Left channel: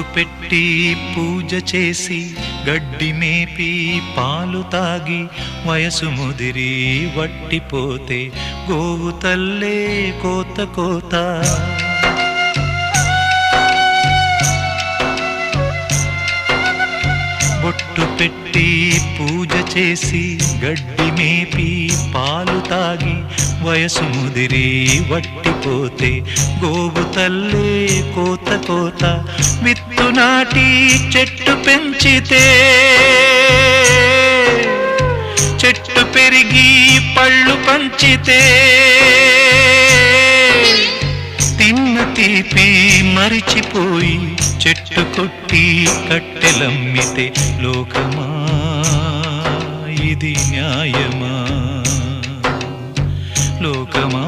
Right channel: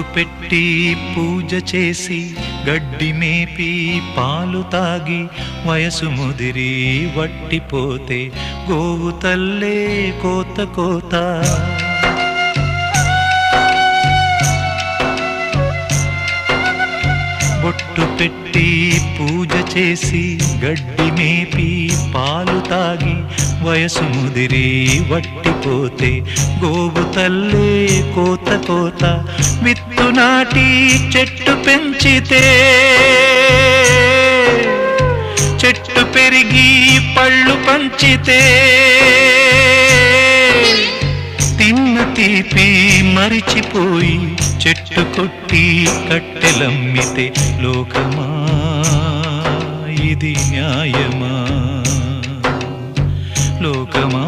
బొట్టు పెట్టి పూజ చేసి గడ్డి మేపి పాలు తాగి వయసు ముదిరి వట్టిపోతే గోవు తల్లే కోత కోత. బొట్టు పెట్టి పూజ చేసి గడ్డి మేపి పాలు తాగి వయసు ముదిరి వట్టిపోతే గోవు తల్లే కోత కోత. విత్తు నాటి చెట్టు పెంచితే చెట్టు పెరిగి పళ్ళు పంచితే తిన్న తీపి మరిచిపోయి చెట్టు కొట్టి కట్టెలమ్మితే లోకమా ఇది న్యాయమా? లోకమా